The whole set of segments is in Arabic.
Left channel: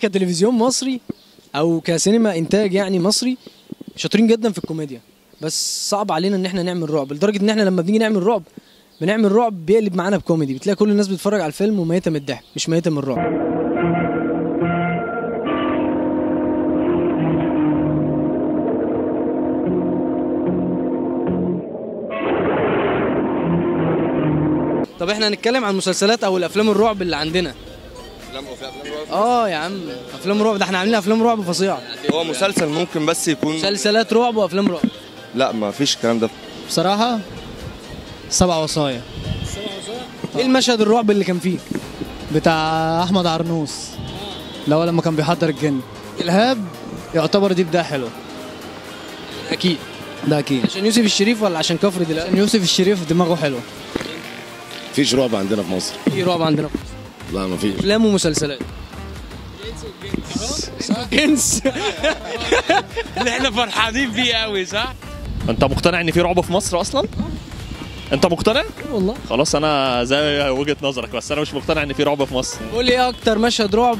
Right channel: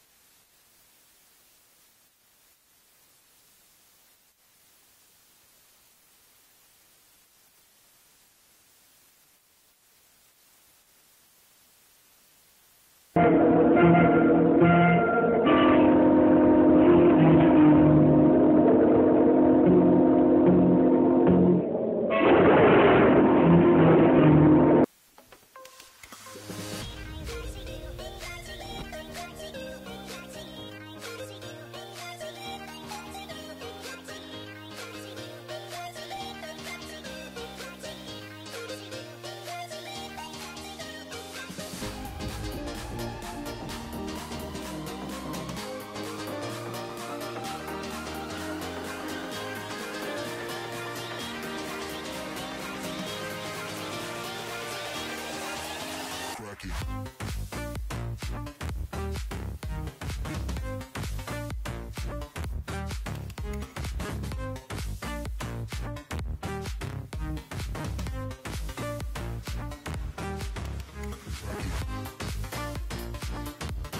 كتلفزيون مصري او كسينما انتاج يعني مصري شاطرين جدا في الكوميديا، بس صعب علينا ان احنا نعمل رعب، لدرجه ان احنا لما بنيجي نعمل رعب بنعمل رعب بيقلب معانا بكوميدي، بتلاقي كل الناس بتتفرج على الفيلم وميته من الضحك مش ميته من الرعب. طب احنا هنتكلم عن المسلسلات او الافلام الرعب اللي عندنا. افلام رعب؟ يا عم افلام رعب، ده احنا عاملين افلام رعب فظيعه. هو مسلسل ممكن بس يكون مسلسلات رعب وافلام رعب. لا ما فيش الكلام ده بصراحة 7 وصايا. ايه المشهد الرعب اللي كان فيه؟ بتاع أحمد عرنوس اللي هو لما كان بيحضر الجن. إلهاب يعتبر دي بداية حلوة. اكيد ده أكيد. عشان يوسف الشريف ولا عشان كفر دلوقتي؟ يوسف الشريف دماغه حلوة. مفيش رعب عندنا في مصر. في رعب عندنا في مصر؟ لا مفيش. افلام ومسلسلات. كنز اللي احنا فرحانين بيه قوي صح؟ انت مقتنع ان في رعب في مصر اصلا؟ انت مقتنع؟ والله. خلاص انا زي وجهة نظرك، بس انا مش مقتنع ان في رعب في مصر. قول لي ايه اكتر مشهد رعب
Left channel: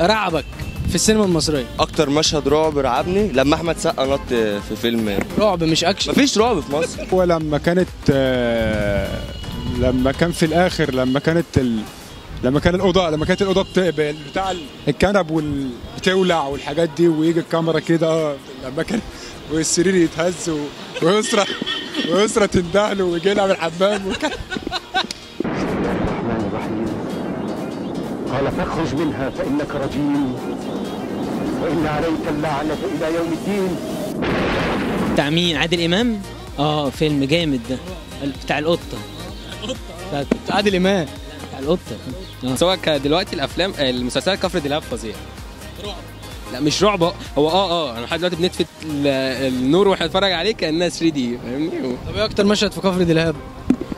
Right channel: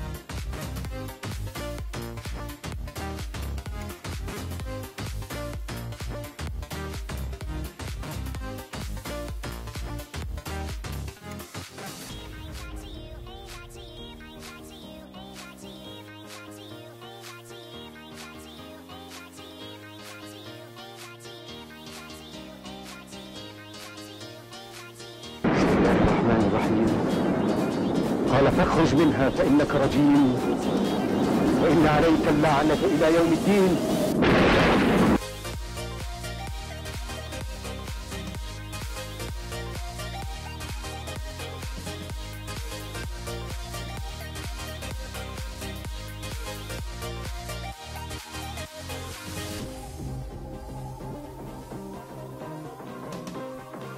رعبك في السينما المصريه؟ اكتر مشهد رعب رعبني لما احمد سقا نط في فيلم. رعب مش اكشن. مفيش رعب في مصر. ولما كانت لما كان في الاخر لما كانت الاوضه بتاع الكنب بتولع والحاجات دي، ويجي الكاميرا كده لما كان والسرير يتهز ويسرى تندهله ويجي لها من الحمام الرحمن الرحيم قال فاخرج منها فإنك رجيم وإن عليك اللعنة إلى يوم الدين. بتاع مين؟ عادل إمام؟ فيلم جامد ده بتاع القطة. بتاع عادل إمام بتاع القطة. سواء دلوقتي الأفلام المسلسلات كفر دلهاب فظيع. لا مش رعب، هو انا لحد دلوقتي بنطفي النور واحنا بنتفرج عليه كانها 3 دي فاهمني. طب ايه اكتر مشهد في كفر دلهاب؟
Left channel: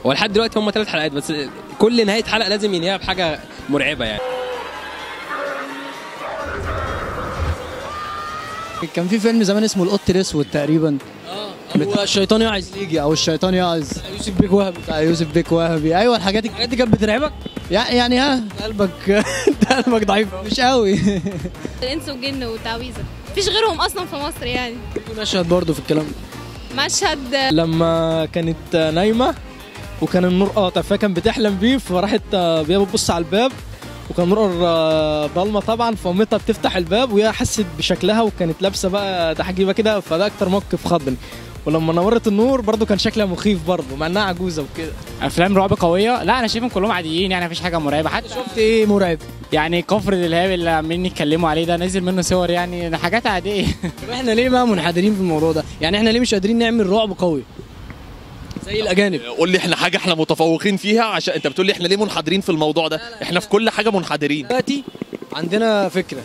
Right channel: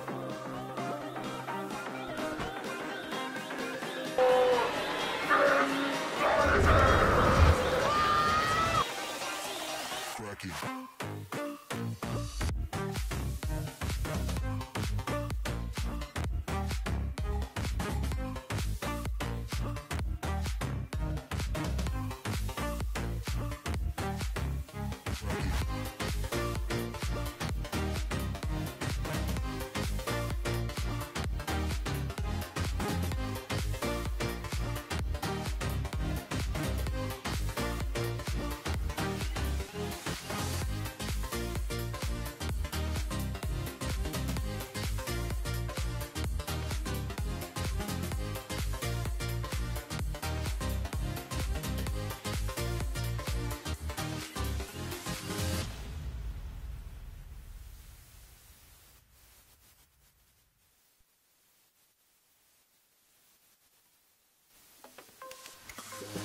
هو لحد دلوقتي هم 3 حلقات بس، كل نهايه حلقه لازم ينهيها بحاجه مرعبه يعني. كان في فيلم زمان اسمه القط الاسود تقريبا. هو الشيطان يعز يجي او الشيطان يعز. يوسف بيك وهبي. بتاع يوسف بيك وهبي. ايوه الحاجات دي كانت بترعبك؟ يعني ها قلبك قلبك ضعيف مش قوي. الانس والجن والتعويذه مفيش غيرهم اصلا في مصر يعني. في مشهد برضه في الكلام ده مشهد لما كانت نايمه وكان النور قاطع فكان بتحلم بيه، فراحت بيها بتبص على الباب وكان النور ضلمه طبعا، فمامتها بتفتح الباب وهي حست بشكلها وكانت لابسه بقى تحجيبه كده، فده اكتر موقف خضني. ولما نورت النور برضو كان شكلها مخيف برضو مع انها عجوزه وكده. افلام رعب قويه؟ لا انا شايفهم كلهم عاديين يعني، مفيش حاجه مرعبه. حتى شفت ايه مرعب؟ يعني كفر دلهاب اللي عاملين يتكلموا عليه ده نزل منه صور، يعني حاجات عاديه. احنا ليه بقى منحدرين في الموضوع ده؟ يعني احنا ليه مش قادرين نعمل رعب قوي زي الاجانب؟ قول لي احنا حاجه احنا متفوقين فيها، عشان انت بتقول لي احنا ليه منحدرين في الموضوع ده؟ احنا في كل حاجه منحدرين. دلوقتي عندنا فكره،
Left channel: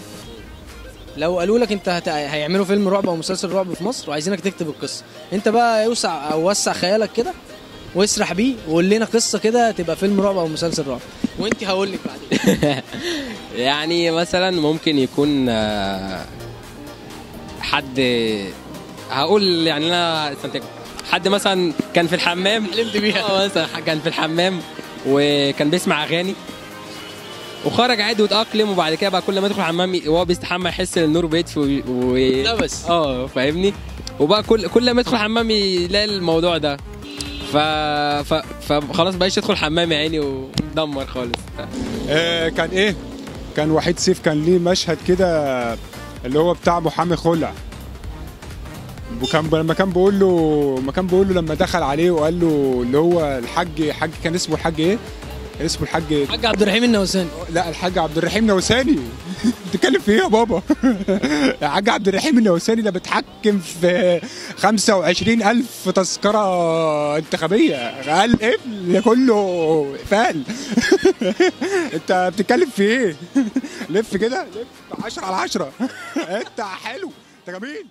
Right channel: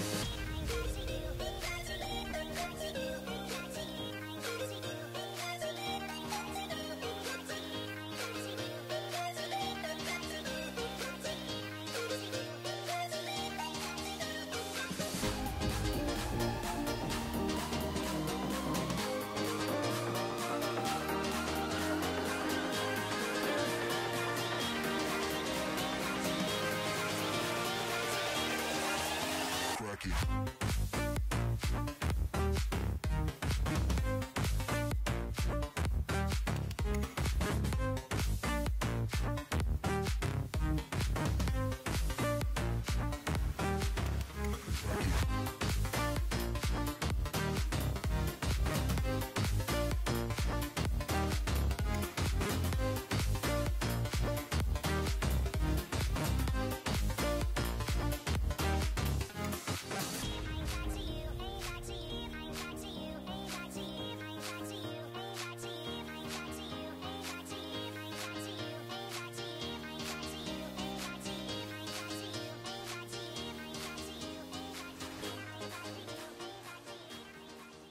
لو قالوا لك انت هيعملوا فيلم رعب او مسلسل رعب في مصر وعايزينك تكتب القصه، انت بقى اوسع او وسع خيالك كده واسرح بيه وقول لنا قصه كده تبقى فيلم رعب او مسلسل رعب، وانت هقول لك بعدين. يعني مثلا ممكن يكون حد، هقول يعني انا حد مثلا كان في الحمام حلمت بيها مثلا، كان في الحمام وكان بيسمع اغاني وخرج عادي واتأقلم، وبعد كده بقى كل ما يدخل الحمام وهو بيستحمى يحس ان النور بيطفي لا بس فاهمني، وبقى كل ما يدخل الحمام يلاقي الموضوع ده، فخلاص بقاش يدخل الحمام يا عيني ودمر خالص. كان وحيد سيف كان ليه مشهد كده اللي هو بتاع محامي خلع، وكان لما كان بيقول له لما دخل عليه وقال له اللي هو الحاج كان اسمه الحاج ايه؟ اسمه الحاج عبد الرحيم النوساني. لا الحاج عبد الرحيم نوساني. بتتكلم في ايه يا بابا؟ الحاج عبد الرحيم النوساني ده بيتحكم في 25,000 تذكره انتخابيه، قال ايه كله فال. انت بتتكلم في ايه؟ لف كده، لف 10 على 10. انت حلو، انت جميل.